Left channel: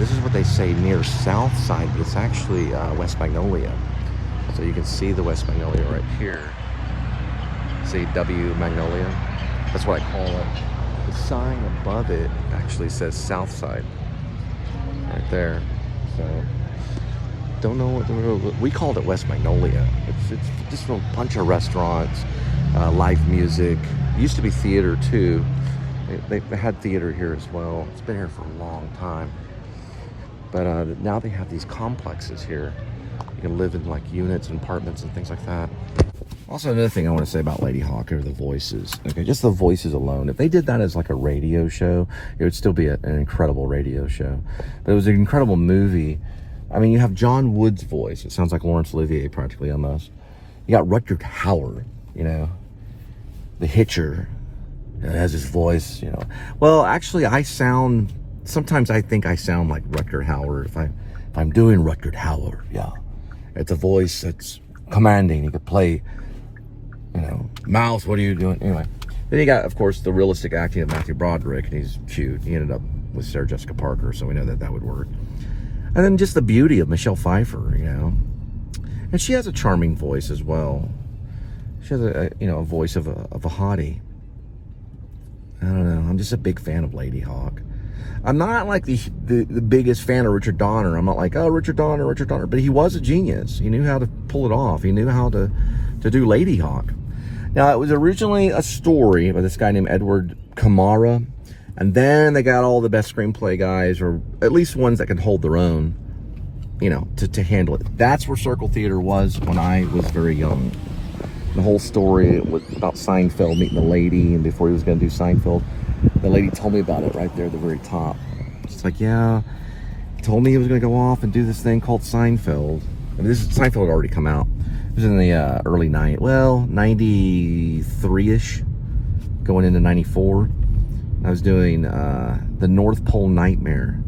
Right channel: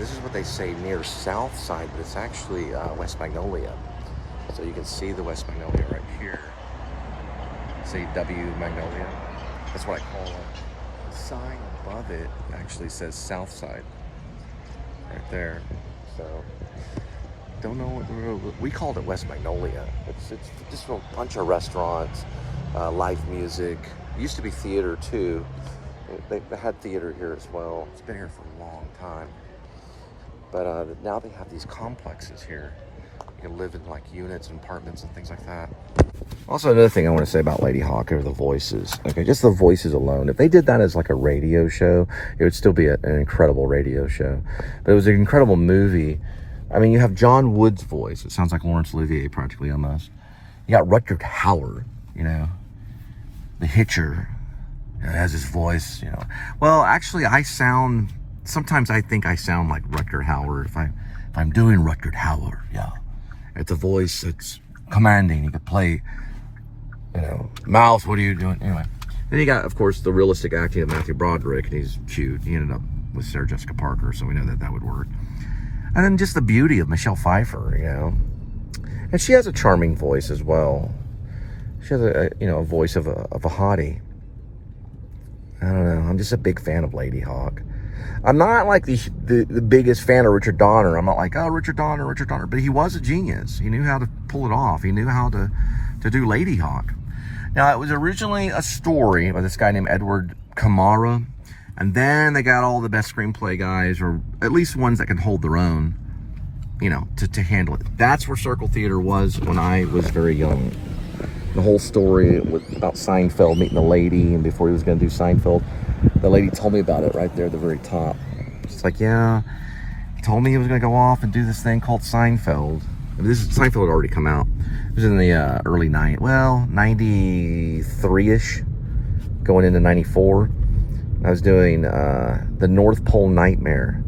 this is what they say near South Side, but it's actually West Magnolia. So you can see the West Magnolia right here. See W Magnolia? That's what I call it. The sign above it actually says South Side. Right there. So, don't know what we called it West Magnolia. It's just a bunch of restaurants, live music. It used to be theater too. They had theater here as well. It's been here for a long time. But now they have these complexes here. You can live in like units and apartments and things like that. Also, another thing I want to say about LadyHawke are the voices. Okay, just the voices alone. If they did that as like a radio show, it would still be an incredible radio show. But it was an incredible movie. I mean, you have John Wood's voice. It sounds like Laurence Olivier practically almost. You got Rutger Hauer, you know, the Hitcher. It has his voice, you know. Well, actually, sometimes I think I sound like Rutger Hauer if I'm doing Rutger Hauer, yeah. It's a voice that's commanding. You could play, you know, Mouse, what are you doing? Anyway. Then you got, of course, the realistic acting of Matthew Broderick, and he's cute. He ended up with Sarah Jessica Parker, so we know that would work. And then just the beauty of Michelle Pfeiffer, you know. And she has a charming voice as well. She has a voice of a hottie. I don't know. I'm just a big fan of LadyHawke. I'm not like the biggest fan of Richard Donner. I'm not like, oh, Richard Donner. But he was a genius. He knew how to pull it off. He knew how to do LadyHawke. Now, it was originally a story by this guy named Edward Kamara. And then they got all the best screenplay guys, or at least ones that can hold their own, you know, to handle it. That's where Circle Theater was when I was very young. The whole story was about Seinfeld meeting the lady, and before he was going to do Seinfeld, the lady told me about it right there at the very top. It's like, yeah, he told me he was going to go off and do this thing called Seinfeld. And Seinfeld had already come out. It was in the early 93-ish, going into 94. I was doing the North Pole Nightmare.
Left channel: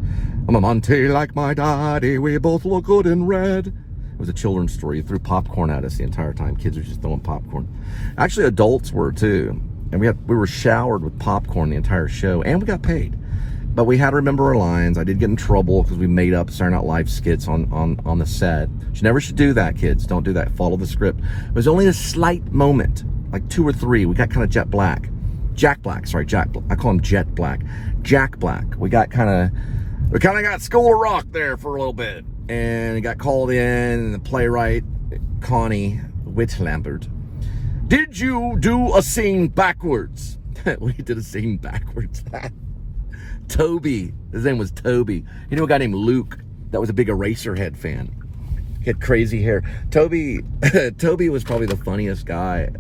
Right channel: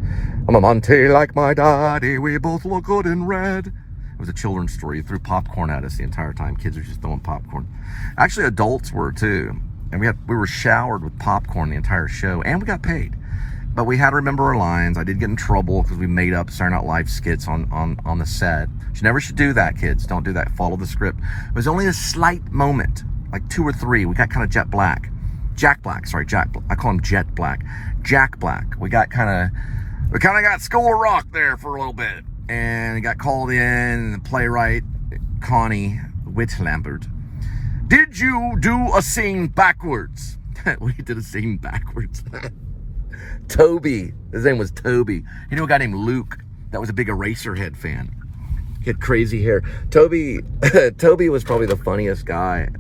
I'm a Monty like my daddy, we both look good in red. It was a children's story. He threw popcorn at us the entire time. Kids were just throwing popcorn. Actually, adults were too. And we were showered with popcorn the entire show, and we got paid. But we had to remember our lines. I did get in trouble because we made up Saturday Night Live skits on the set. You never should do that, kids. Don't do that. Follow the script. It was only a slight moment, like 2 or 3. We got kind of Jack Black. I call him Jet Black. Jack Black. We kind of got School of Rock there for a little bit. And he got called in, and the playwright, Connie Whitlambert, did you do a scene backwards? We did a scene backwards. Toby, his name was Toby. You know a guy named Luke that was a big Eraserhead fan. He had crazy hair. Toby was probably the funniest guy.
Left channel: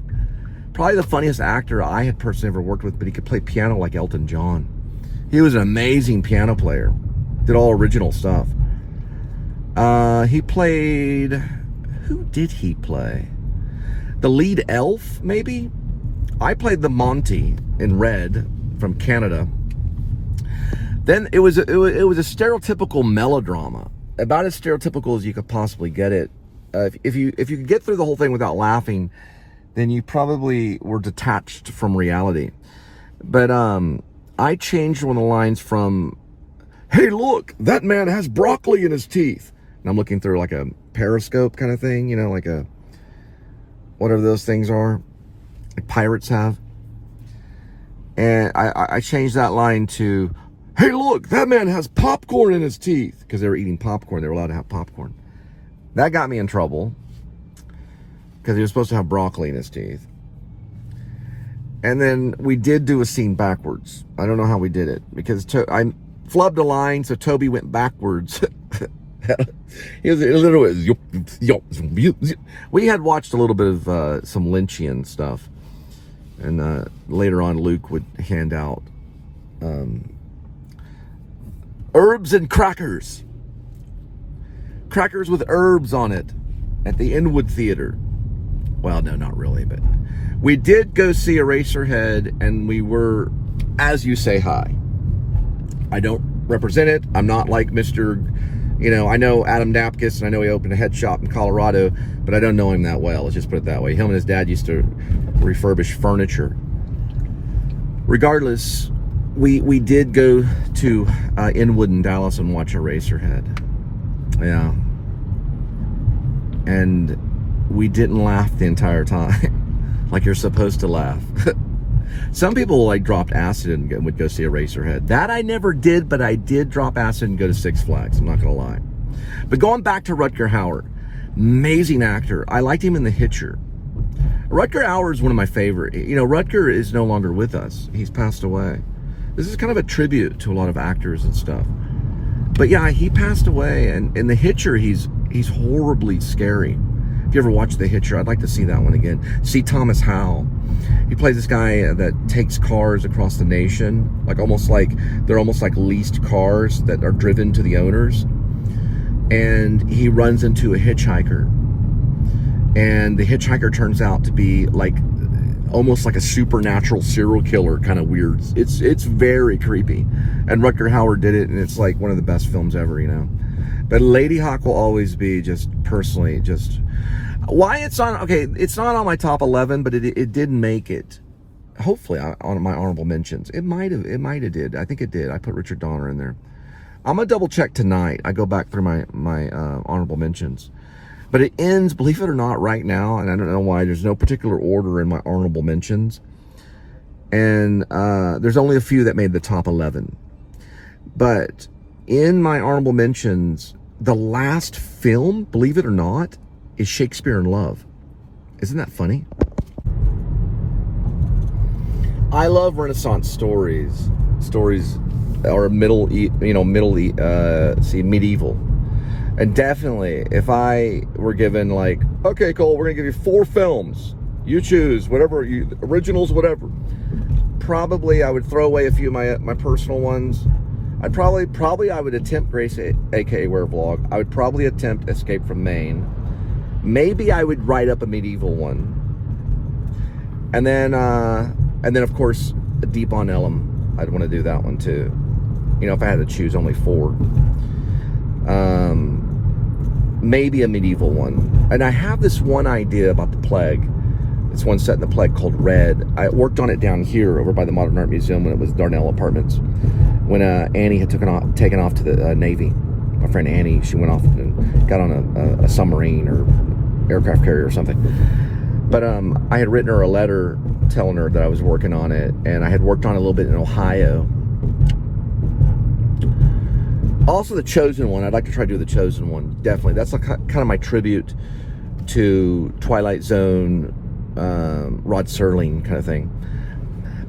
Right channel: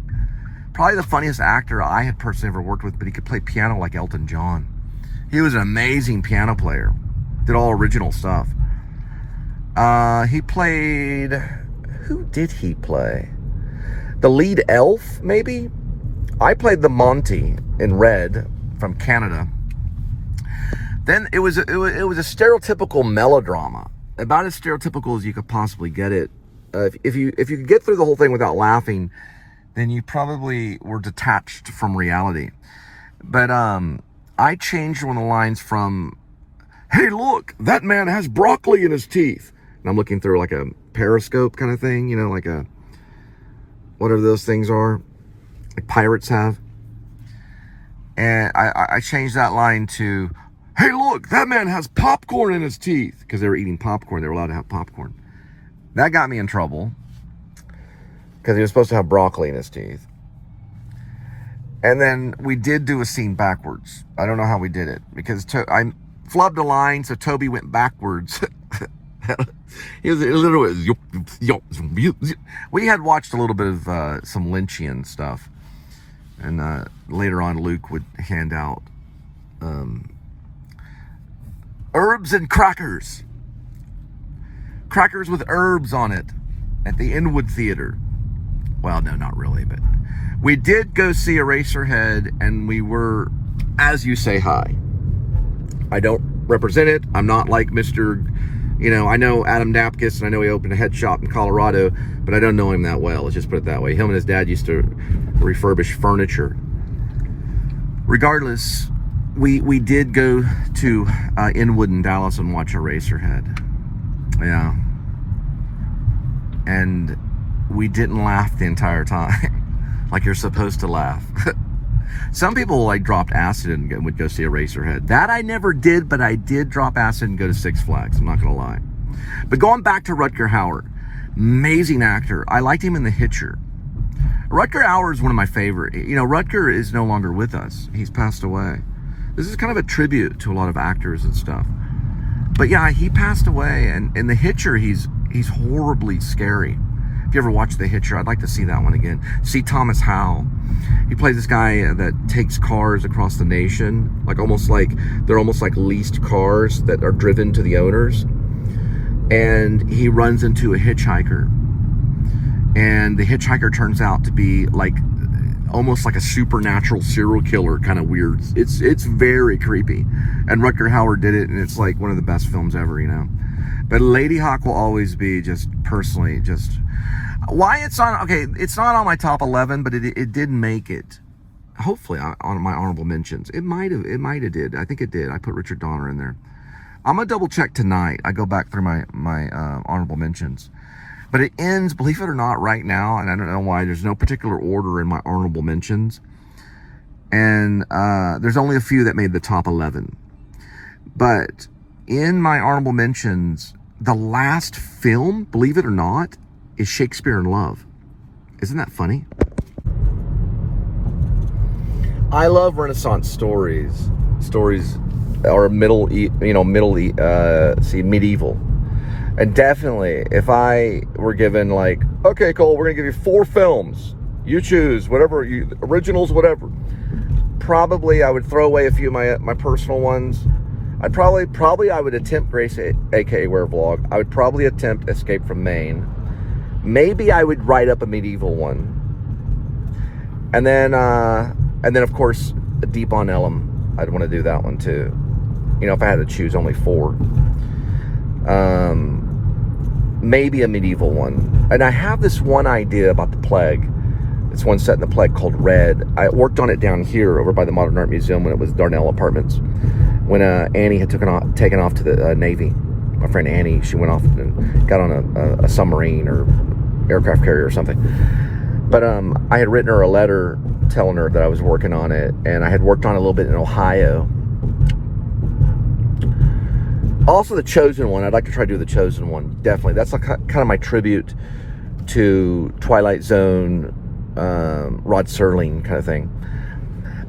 Probably the funniest actor I had personally ever worked with, but he could play piano like Elton John. He was an amazing piano player. Did all original stuff. He played... Who did he play? The lead elf, maybe? I played the Monty in Red from Canada. Then it was a stereotypical melodrama. About as stereotypical as you could possibly get it. If you could get through the whole thing without laughing, then you probably were detached from reality. But I changed one of the lines from, hey, look, that man has broccoli in his teeth. And I'm looking through like a periscope kind of thing, you know, like a, whatever those things are, like pirates have. And I changed that line to, hey, look, that man has popcorn in his teeth. Because they were eating popcorn. They were allowed to have popcorn. That got me in trouble. Because he was supposed to have broccoli in his teeth. And then we did do a scene backwards. I don't know how we did it. Because I flubbed a line, so Toby went backwards. He was literally... We had watched a little bit of some Lynchian stuff. And later on, Luke would hand out herbs and crackers. Crackers with herbs on it at the Inwood Theater. Well, no, not really, but we did go see Eraserhead, and we were, as you say, high. I don't represent it. I'm not like Mr. You know, I know Adam Dapkus, and I know he opened a head shop in Colorado, but I don't know him that well. Let's just put it that way. Him and his dad used to refurbish furniture. Regardless, we did go to Inwood in Dallas and watch Eraserhead. Yeah. And we didn't laugh the entire time. Like you're supposed to laugh. Some people like dropped acid and would go see Eraserhead. That I never did, but I did drop acid and go to Six Flags. I'm not gonna lie. But going back to Rutger Hauer, amazing actor. I liked him in The Hitcher. Rutger Hauer is one of my favorite. You know, Rutger is no longer with us. He's passed away. This is kind of a tribute to a lot of actors and stuff. But yeah, he passed away, and in The Hitcher, he's horribly scary. If you ever watch The Hitcher, I'd like to see that one again. See Thomas Howell. He plays this guy that takes cars across the nation, they're almost like leased cars that are driven to the owners. And he runs into a hitchhiker. And the hitchhiker turns out to be like almost like a supernatural serial killer, kind of weird. It's very creepy. And Rutger Hauer did it, and it's like one of the best films ever, you know. But LadyHawke will always be just personally just why it's on. Okay, it's not on my top 11, but it did make it. Hopefully on my honorable mentions. It might have did. I think it did. I put Richard Donner in there. I'm gonna double check tonight. I go back through my honorable mentions. But it ends, believe it or not, right now, and I don't know why, there's no particular order in my honorable mentions. And there's only a few that made the top 11. But in my honorable mentions, the last film, believe it or not, is Shakespeare in Love. Isn't that funny? I love Renaissance stories. Stories are medieval. And definitely, if I were given like, okay, Cole, we're gonna give you 4 films. You choose, whatever, originals, whatever. Probably I would throw away a few of my personal ones. I'd probably I would attempt Grace, aka Werevlog. I would probably attempt Escape from Maine. Maybe I would write up a medieval one. And then of course, Deep on Ellum. I'd want to do that one too. You know, if I had to choose only 4. Maybe a medieval one. And I have this one idea about the plague. It's one set in the plague called Red. I worked on it down here over by the Modern Art Museum when it was Darnell Apartments. When Annie had taken off to the Navy. My friend Annie, she went off and got on a submarine or aircraft carrier or something. But I had written her a letter telling her that I was working on it, and I had worked on it a little bit in Ohio. Also, The Chosen One. I'd like to try to do The Chosen One. Definitely. That's like kind of my tribute to Twilight Zone, Rod Serling kind of thing.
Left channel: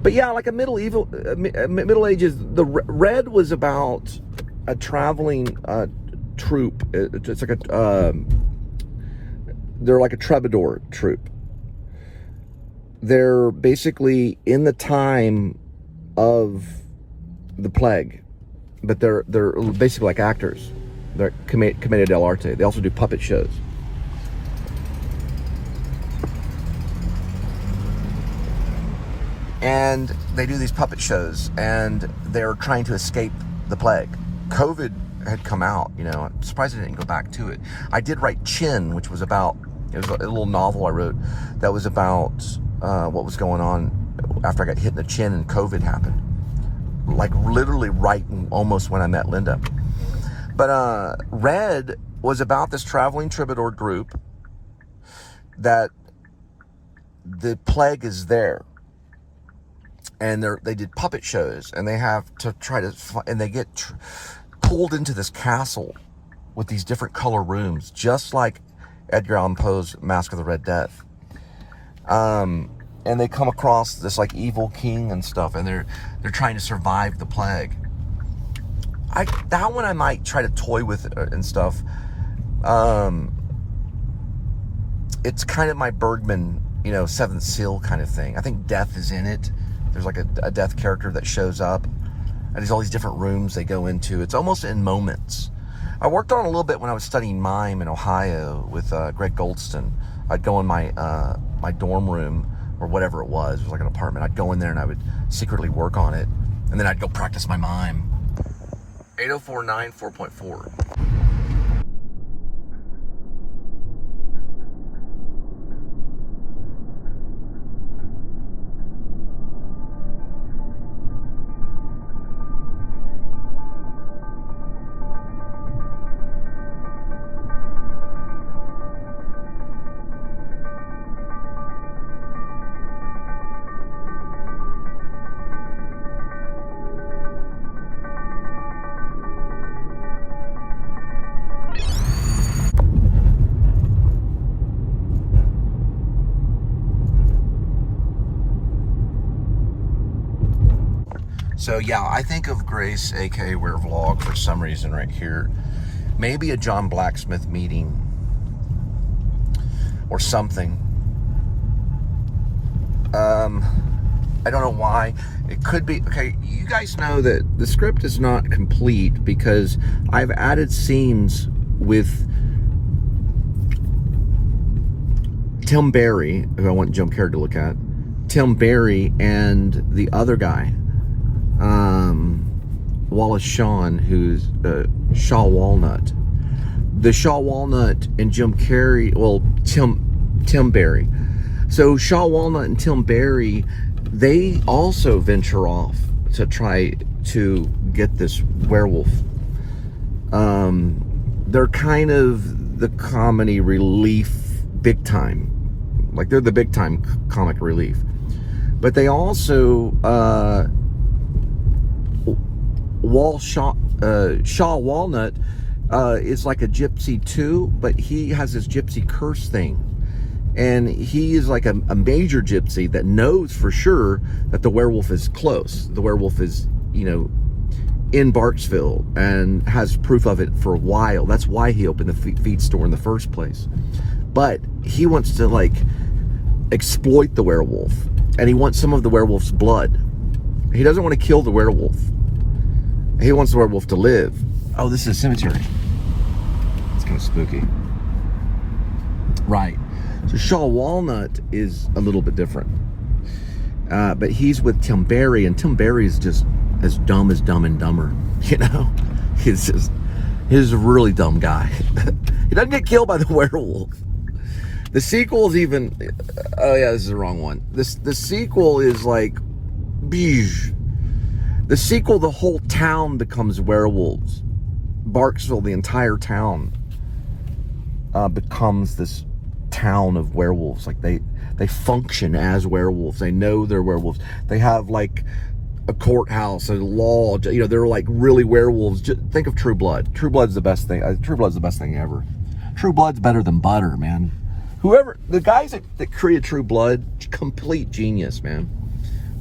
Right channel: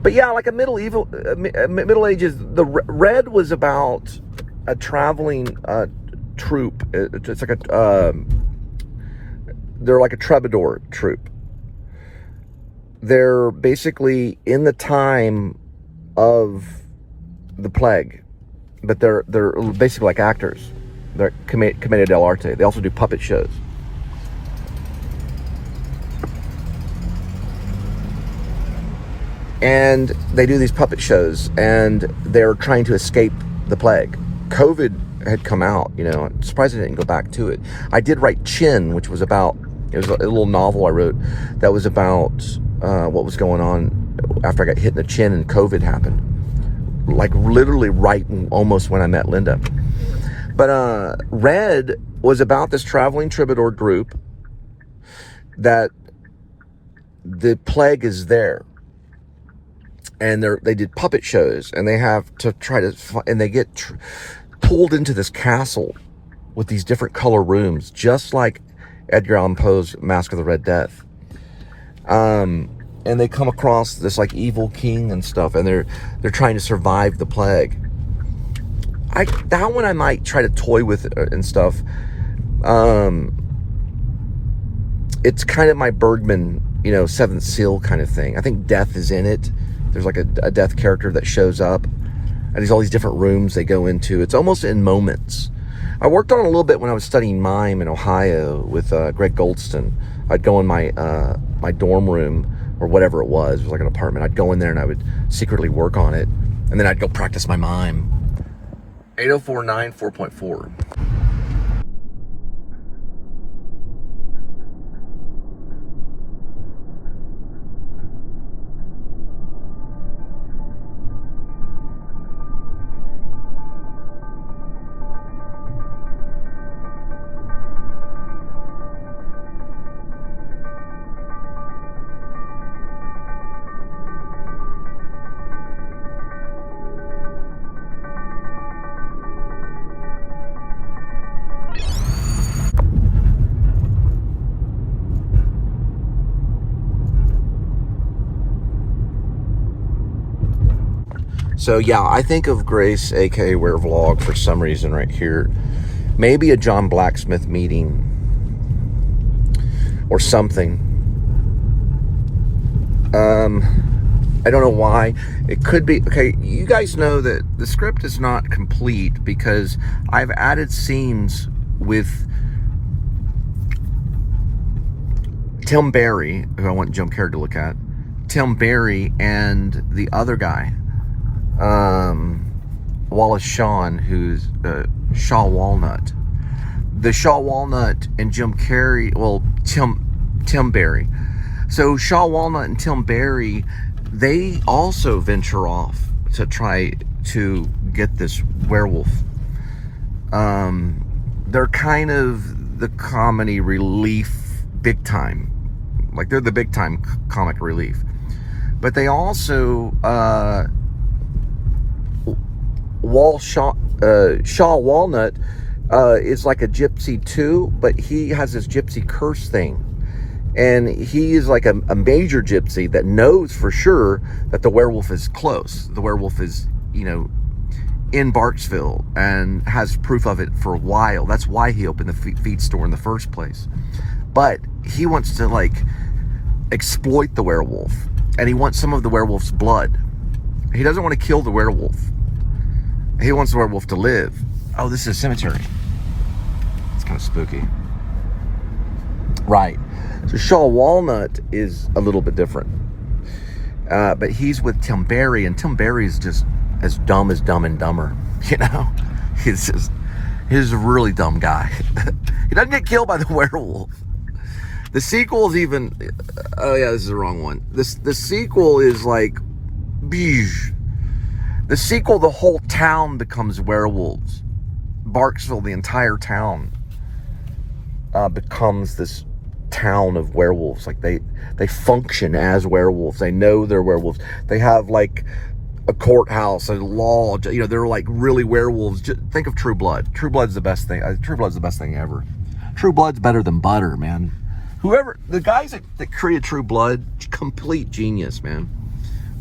But yeah, like a Middle Ages. The Red was about a traveling troupe. It's like they're like a troubadour troupe. They're basically in the time of the plague. But they're basically like actors. They're commedia dell'arte. They also do puppet shows. And they do these puppet shows, and they're trying to escape the plague. COVID had come out, you know. I'm surprised I didn't go back to it. I did write Chin, which was about, it was a little novel I wrote that was about what was going on after I got hit in the chin and COVID happened. Like literally right almost when I met Linda. But Red was about this traveling troubadour group that the plague is there. And they did puppet shows, and they have to try to, and they get pulled into this castle with these different color rooms, just like Edgar Allan Poe's Masque of the Red Death. And they come across this like evil king and stuff, and they're trying to survive the plague. That one I might try to toy with and stuff. It's kind of my Bergman, you know, Seventh Seal kind of thing. I think death is in it. There's like a death character that shows up, and there's all these different rooms they go into. It's almost in moments. I worked on it a little bit when I was studying mime in Ohio with Greg Goldston. I'd go in my dorm room, or whatever it was like an apartment. I'd go in there and I would secretly work on it, and then I'd go practice my mime. 8049 4.4. So yeah, I think of Grace, aka Werevlog, for some reason right here. Maybe a John Blacksmith meeting or something. I don't know why. It could be, okay, you guys know that the script is not complete because I've added scenes with Tim Barry, who I want Jim Carrey to look at, Tim Barry, and the other guy, Wallace Shawn, who's Shaw Walnut. The Shaw Walnut and Jim Carrey, well, Tim Barry. So Shaw Walnut and Tim Barry, they also venture off to try to get this werewolf. They're kind of the comedy relief big time. Like, they're the big time comic relief. But they also, Shaw Walnut is like a gypsy too, but he has this gypsy curse thing. And he is like a major gypsy that knows for sure that the werewolf is close. The werewolf is, you know, in Barksville and has proof of it for a while. That's why he opened the feed store in the first place. But he wants to, like, exploit the werewolf. And he wants some of the werewolf's blood. He doesn't want to kill the werewolf. He wants the werewolf to live. Oh, this is a cemetery. It's kind of spooky. Right. So Shaw Walnut is a little bit different. But he's with Tim Barry, and Tim Barry is just as dumb as Dumb and Dumber. You know? He's a really dumb guy. He doesn't get killed by the werewolf. The sequel is even... Oh yeah, this is the wrong one. The sequel is like... Beige. The sequel, the whole town becomes werewolves. Barksville, the entire town, becomes this town of werewolves. Like, they function as werewolves. They know they're werewolves. They have like a courthouse, a law. You know, they're like really werewolves. Just think of True Blood. True Blood's the best thing. True Blood's the best thing ever. True Blood's better than butter, man. Whoever, the guys that created True Blood, complete genius, man.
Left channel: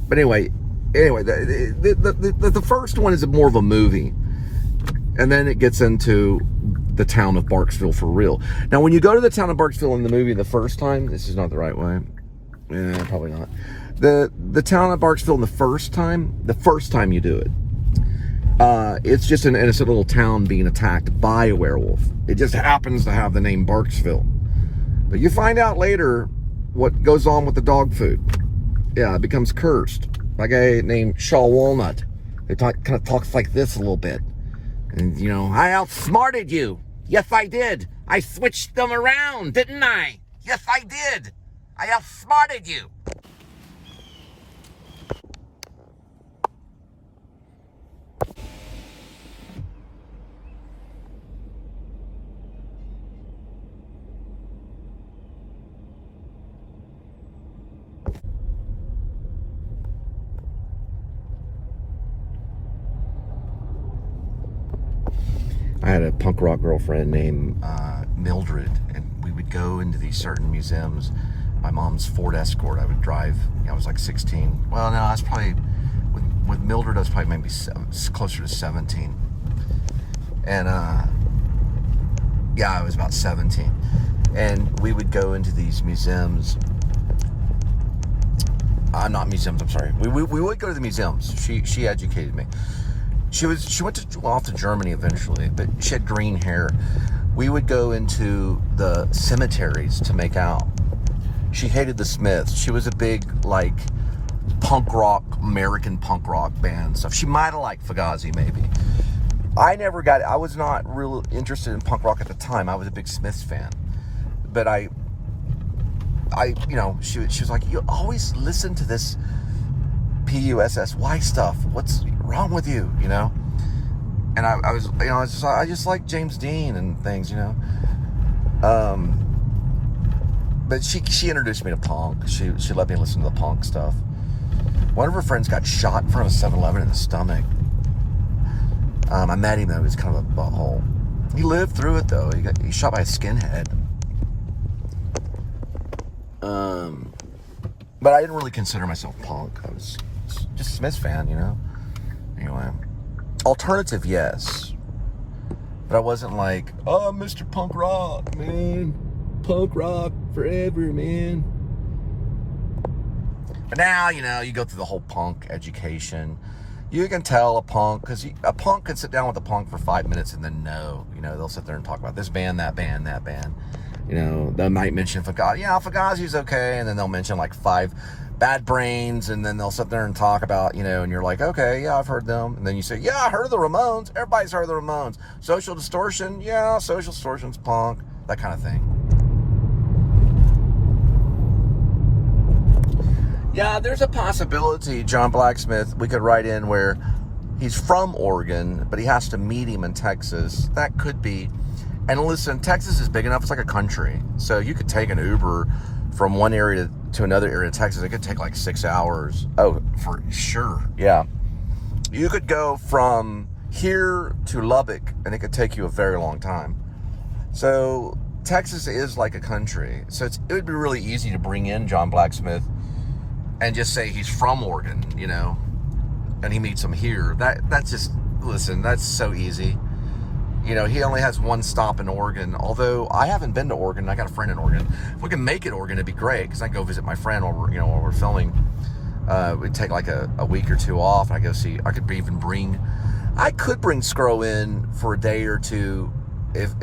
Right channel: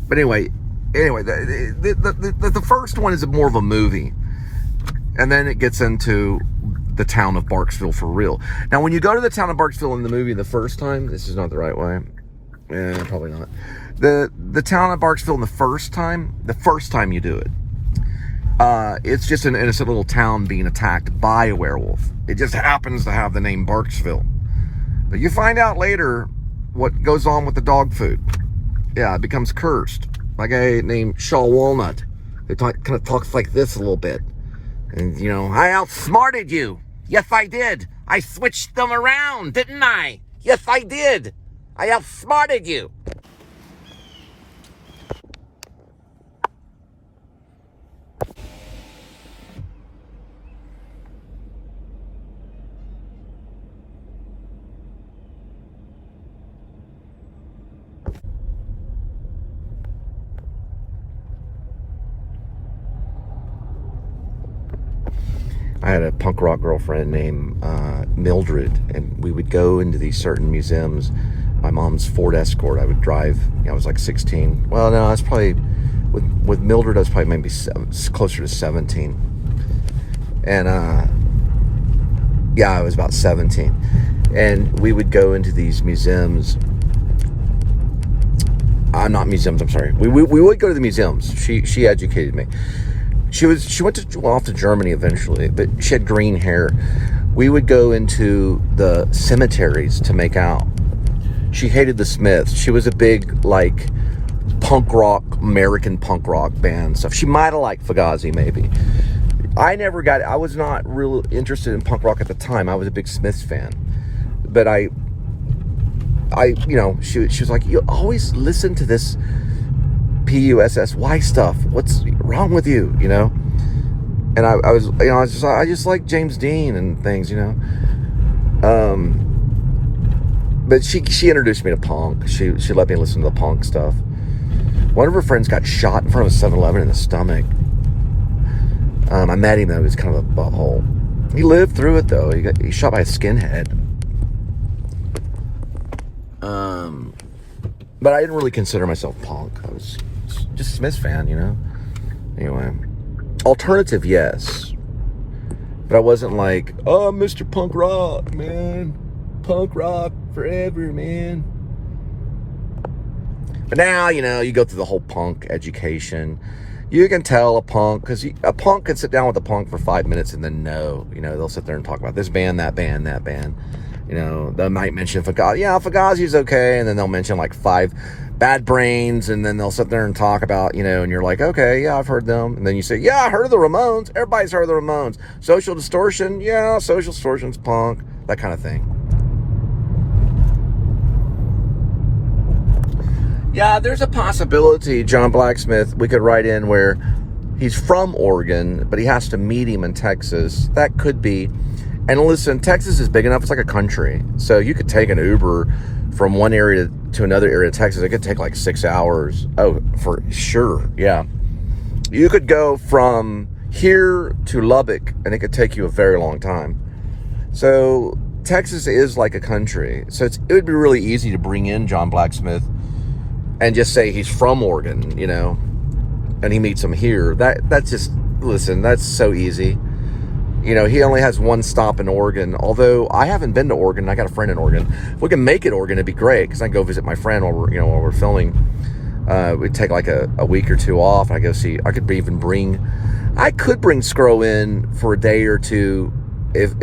But anyway, the first one is more of a movie, and then it gets into the town of Barksville for real. Now, when you go to the town of Barksville in the movie the first time, this is not the right way. Yeah, probably not. The town of Barksville in the first time you do it, it's just an innocent little town being attacked by a werewolf. It just happens to have the name Barksville. But you find out later what goes on with the dog food. Yeah, it becomes cursed. Like a guy named Shaw Walnut. They kind of talks like this a little bit. And, you know, I outsmarted you. Yes, I did. I switched them around, didn't I? Yes, I did. I outsmarted you. I had a punk rock girlfriend named Mildred, and we would go into these certain museums. My mom's Ford Escort, I would drive. You know, I was like 16. Well, no, I was probably, with Mildred, I was probably maybe closer to 17. And, yeah, I was about 17. And we would go into these museums. Not museums, I'm sorry. We would go to the museums. She educated me. She went off to Germany eventually, but she had green hair. We would go into the cemeteries to make out. She hated the Smiths. She was a big, like, punk rock, American punk rock band stuff. She might have liked Fugazi, maybe. I was not real interested in punk rock at the time. I was a big Smiths fan. But I you know, she was like, you always listen to this P.S.S. stuff. What's wrong with you, you know? And I just like James Dean and things, you know. But she introduced me to punk. She let me listen to the punk stuff. One of her friends got shot in front of a 7-Eleven in the stomach. I met him, though. He was kind of a butthole. He lived through it, though. He got shot by a skinhead. But I didn't really consider myself punk. I was just a Smiths fan, you know. Anyway, alternative, yes. But I wasn't like, oh, Mr. Punk Rock, man. Punk rock forever, man. But now, you know, you go through the whole punk education. You can tell a punk, because a punk can sit down with a punk for 5 minutes and then no. You know, they'll sit there and talk about this band, that band, that band. You know, they might mention Fugazi. Yeah, Fugazi's okay. And then they'll mention like 5 Bad Brains. And then they'll sit there and talk about, you know, and you're like, okay, yeah, I've heard them. And then you say, yeah, I heard of the Ramones. Everybody's heard of the Ramones. Social Distortion. Yeah, Social Distortion's punk. That kind of thing. Yeah, there's a possibility, John Blacksmith, we could write in where he's from Oregon, but he has to meet him in Texas. That could be. And listen, Texas is big enough. It's like a country. So you could take an Uber from one area to another area of Texas. It could take like 6 hours. Oh, for sure. Yeah. You could go from here to Lubbock, and it could take you a very long time. So Texas is like a country. So it would be really easy to bring in John Blacksmith and just say he's from Oregon, you know, and he meets him here. That's just, listen, that's so easy. You know, he only has one stop in Oregon, although I haven't been to Oregon. I got a friend in Oregon. If we can make it Oregon, it'd be great, because I can go visit my friend while we're filming. We'd take like a week or two off, and I could bring Scro in for a day or two. If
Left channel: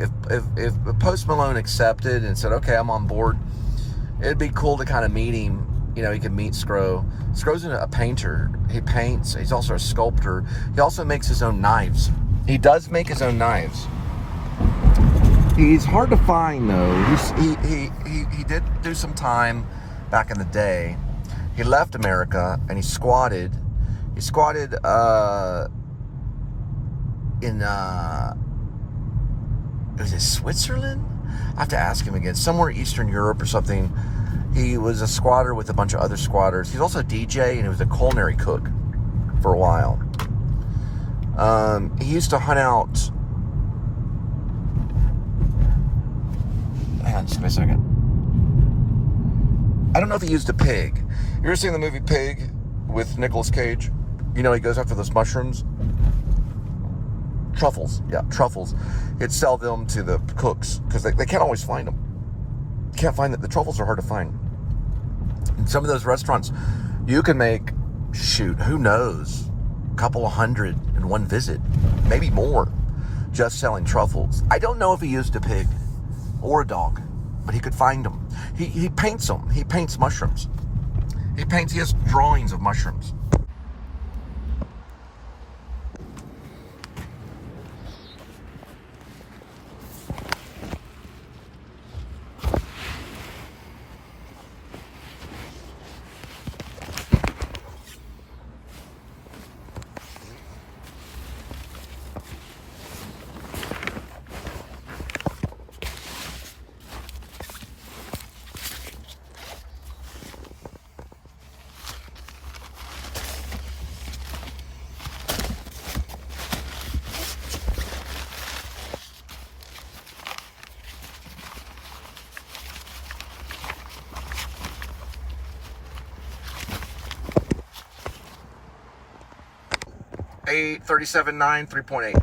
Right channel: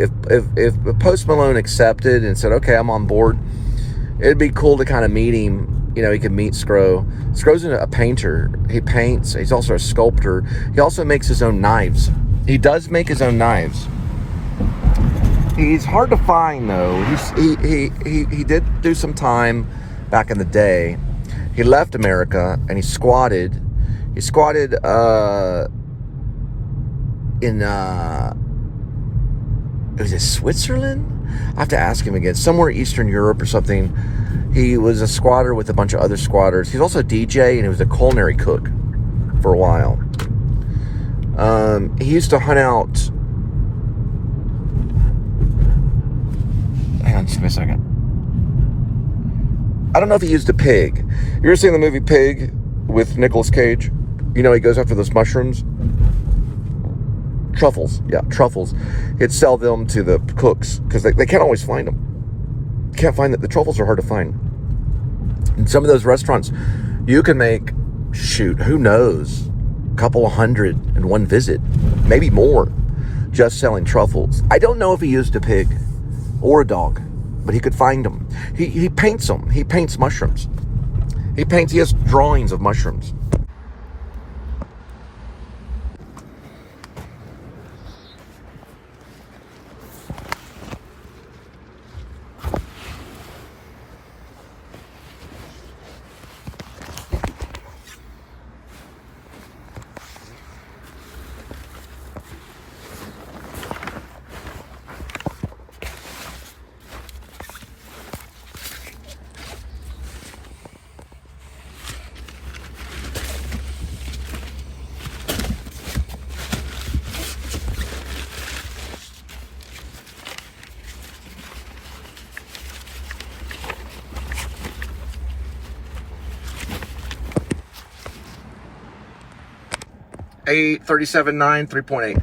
Post Malone accepted and said, okay, I'm on board, it'd be cool to kind of meet him. You know, he could meet Scro. Scro's a painter. He paints. He's also a sculptor. He also makes his own knives. He does make his own knives. He's hard to find, though. He did do some time back in the day. He left America and he squatted. He squatted in was it Switzerland? I have to ask him again. Somewhere Eastern Europe or something. He was a squatter with a bunch of other squatters. He's also a DJ, and he was a culinary cook for a while. He used to hunt out... Hang on just a second. I don't know if he used a pig. You ever seen the movie Pig with Nicolas Cage? You know, he goes after those mushrooms. Truffles. Yeah, truffles. He'd sell them to the cooks, because they can't always find them. Can't find that. The truffles are hard to find. In some of those restaurants, you can make, shoot, who knows, a couple of hundred in one visit, maybe more, just selling truffles. I don't know if he used a pig or a dog, but he could find them. He paints them. He paints mushrooms. He has drawings of mushrooms. Eight 37.9 3.8.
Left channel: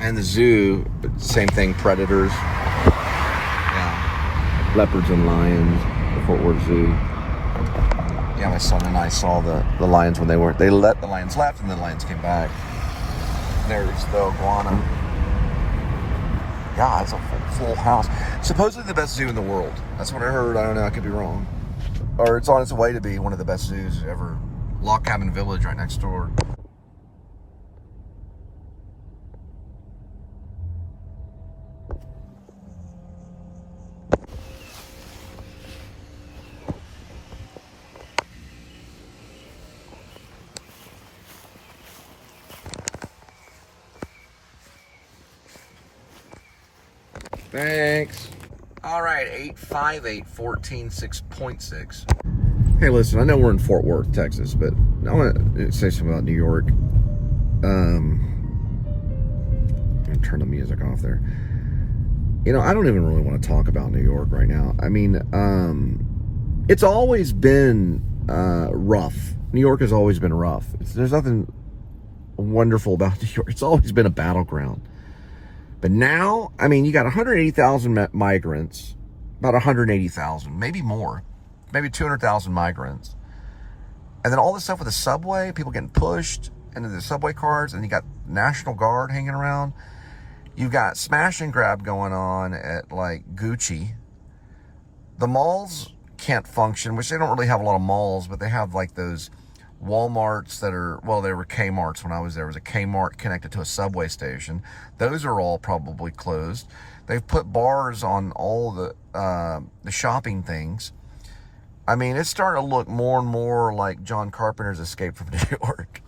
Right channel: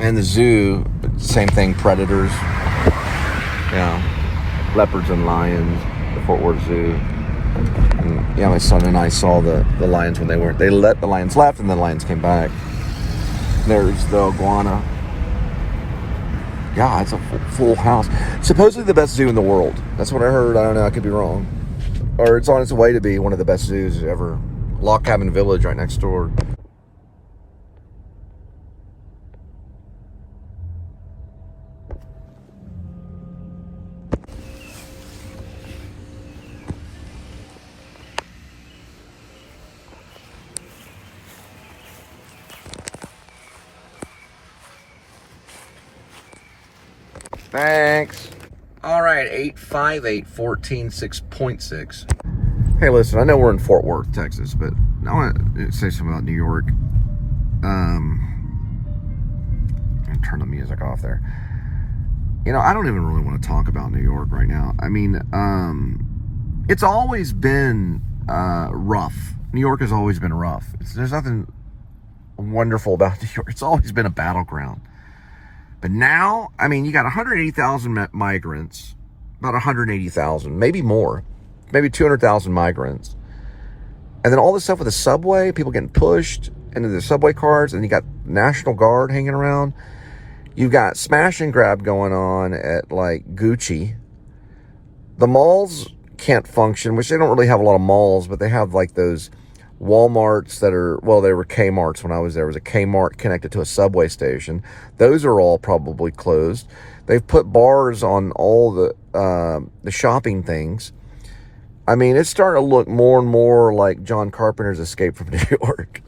And the zoo, same thing, predators. Yeah. Leopards and lions, the Fort Worth Zoo. And yeah, my son and I saw the lions when they let the lions left, and then the lions came back. There's the iguana. Yeah, it's a full house. Supposedly the best zoo in the world. That's what I heard. I don't know. I could be wrong. Or it's on its way to be one of the best zoos ever. Log Cabin Village right next door. Thanks. All right, 858 14.6. Hey, listen, I know we're in Fort Worth, Texas, but I want to say something about New York. I'm gonna turn the music off there. You know, I don't even really want to talk about New York right now. I mean, it's always been rough. New York has always been rough. There's nothing wonderful about New York. It's always been a battleground. But now, I mean, you got 180,000 migrants, about 180,000, maybe more, maybe 200,000 migrants. And then all this stuff with the subway, people getting pushed into the subway cars, and you got National Guard hanging around. You've got smash and grab going on at like Gucci. The malls can't function, which they don't really have a lot of malls, but they have like those Walmarts that are, well, they were Kmarts when I was there. It was a Kmart connected to a subway station. Those are all probably closed. They've put bars on all the shopping things. I mean, it's starting to look more and more like John Carpenter's Escape from New York.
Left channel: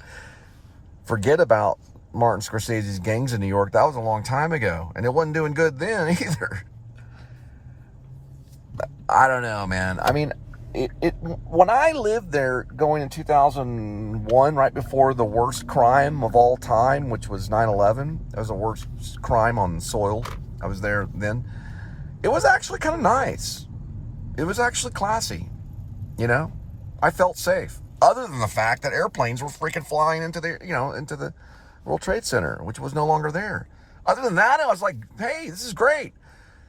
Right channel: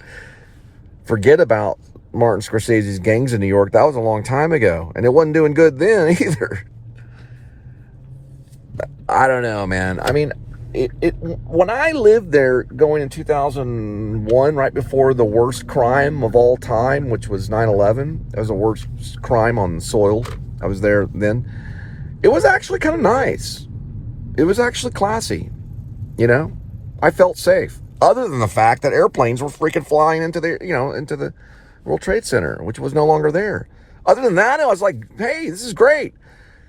Forget about Martin Scorsese's Gangs of New York. That was a long time ago, and it wasn't doing good then either. I don't know, man. I mean, when I lived there going in 2001, right before the worst crime of all time, which was 9/11, that was the worst crime on soil. I was there then. It was actually kind of nice. It was actually classy. You know, I felt safe. Other than the fact that airplanes were freaking flying into the World Trade Center, which was no longer there. Other than that, I was like, hey, this is great.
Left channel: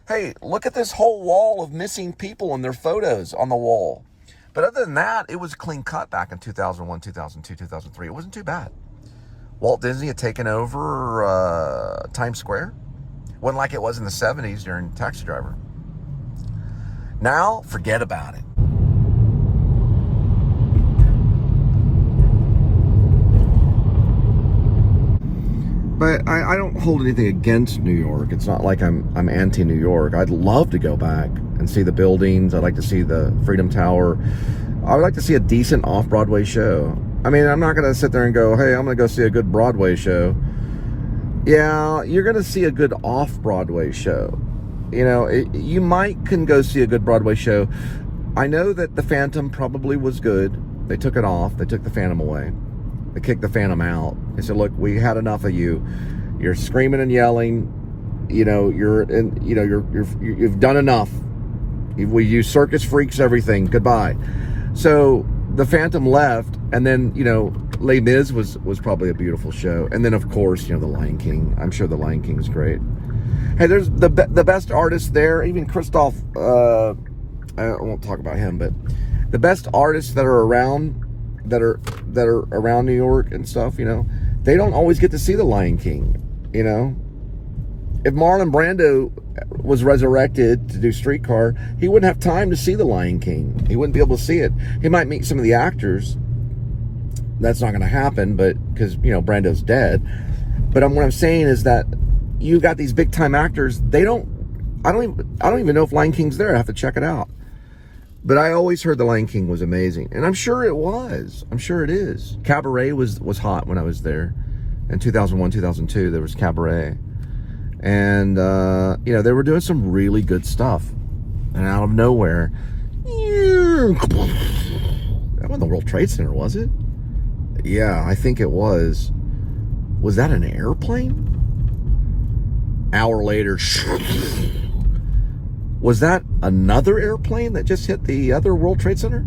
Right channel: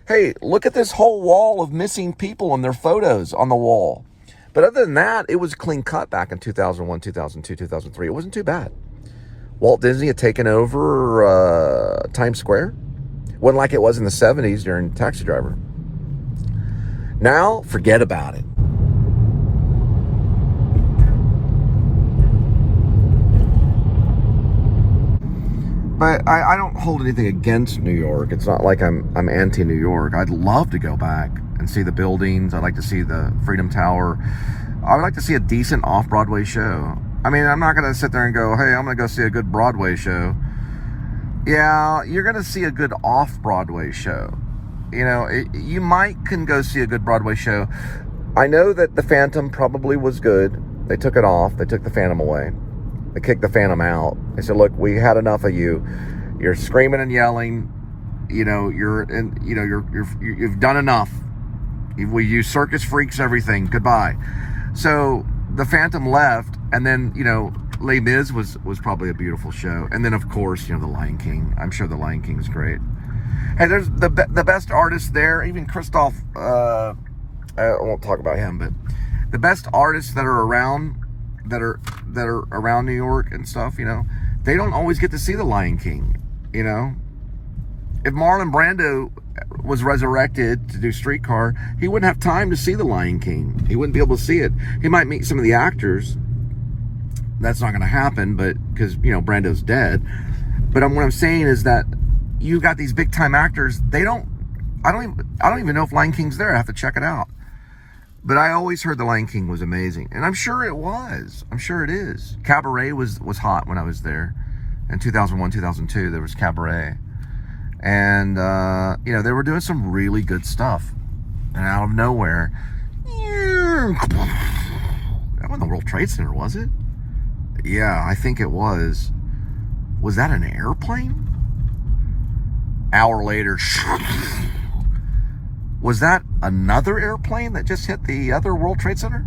Hey, look at this whole wall of missing people and their photos on the wall. But other than that, it was clean cut back in 2001, 2002, 2003. It wasn't too bad. Walt Disney had taken over Times Square. It wasn't like it was in the 70s during Taxi Driver. Now, forget about it. But I don't hold anything against New York. It's not like I'm anti-New York. I'd love to go back and see the buildings. I'd like to see the Freedom Tower. I would like to see a decent off-Broadway show. I mean, I'm not going to sit there and go, hey, I'm going to go see a good Broadway show. Yeah, you're going to see a good off-Broadway show. You know, you can go see a good Broadway show. I know that the Phantom probably was good. They took it off. They took the Phantom away. They kicked the Phantom out. They said, look, we had enough of you. You're screaming and yelling. You know, you've done enough. We use circus freaks, everything. Goodbye. So the Phantom left, and then, you know, Les Mis was probably a beautiful show. And then, of course, you know, The Lion King. I'm sure The Lion King is great. Hey, there's the best artists there. Even Christoph, I won't talk about him, but the best artists that are around, that are around New York and stuff, you know, they don't always get to see The Lion King, you know. If Marlon Brando was resurrected to do Streetcar, he wouldn't have time to see The Lion King. He wouldn't be able to see it. He might meet some of the actors. That's not going to happen, but because, you know, Brando's dead. But what I'm saying is that you got these big time actors. I don't even know if Lion King's there. I have to check it out. But I always heard The Lion King was amazing, and I'm sure it was. I'm sure it is. Cabaret was hot when I was there in 2001, 2002. There was Cabaret, and you know, they were doing some really good stuff. And out of nowhere, that wasn't the World Trade Center, was it? Yeah, I think it was. Was that an airplane? Hour later. Was that another airplane that just hit the other World Trade Center?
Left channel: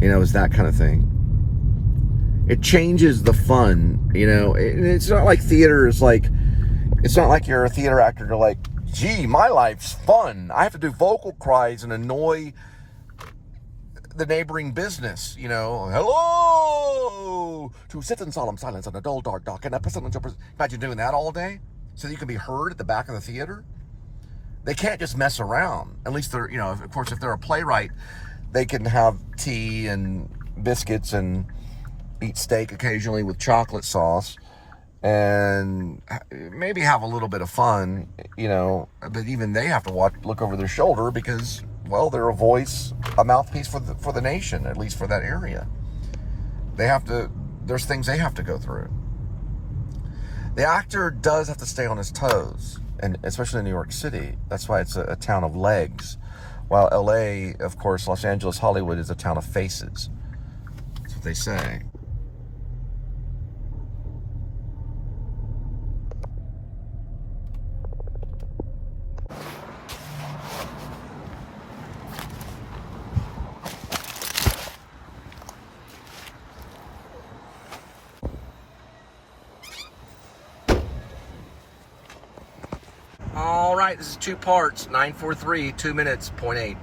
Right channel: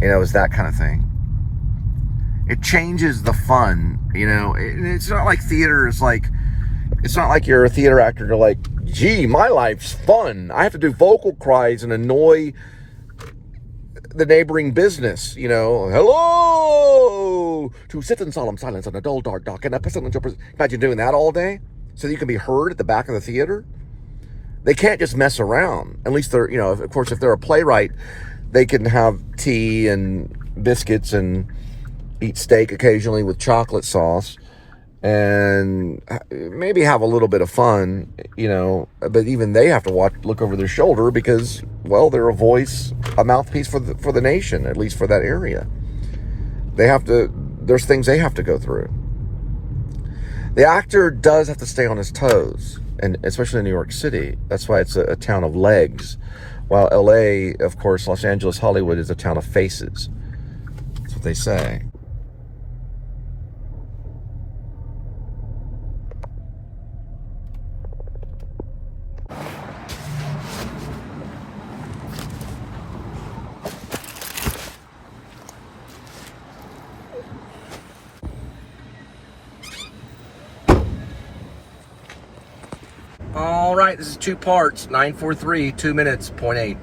You know, it was that kind of thing. It changes the fun, you know. It's not like theater is like, it's not like you're a theater actor. You're like, gee, my life's fun. I have to do vocal cries and annoy the neighboring business, you know. Hello! To sit in solemn silence in a dull, dark dock. And a pestilential imagine doing that all day so that you can be heard at the back of the theater. They can't just mess around. At least they're, you know, of course, if they're a playwright, they can have tea and biscuits and eat steak occasionally with chocolate sauce and maybe have a little bit of fun, you know. But even they have to look over their shoulder because, well, they're a mouthpiece for the nation, at least for that area. There's things they have to go through. The actor does have to stay on his toes. And especially in New York City, that's why it's a town of legs. While LA, of course, Los Angeles, Hollywood is a town of faces. That's what they say. All right, this is 2 parts, 943, 2 minutes, 0.8.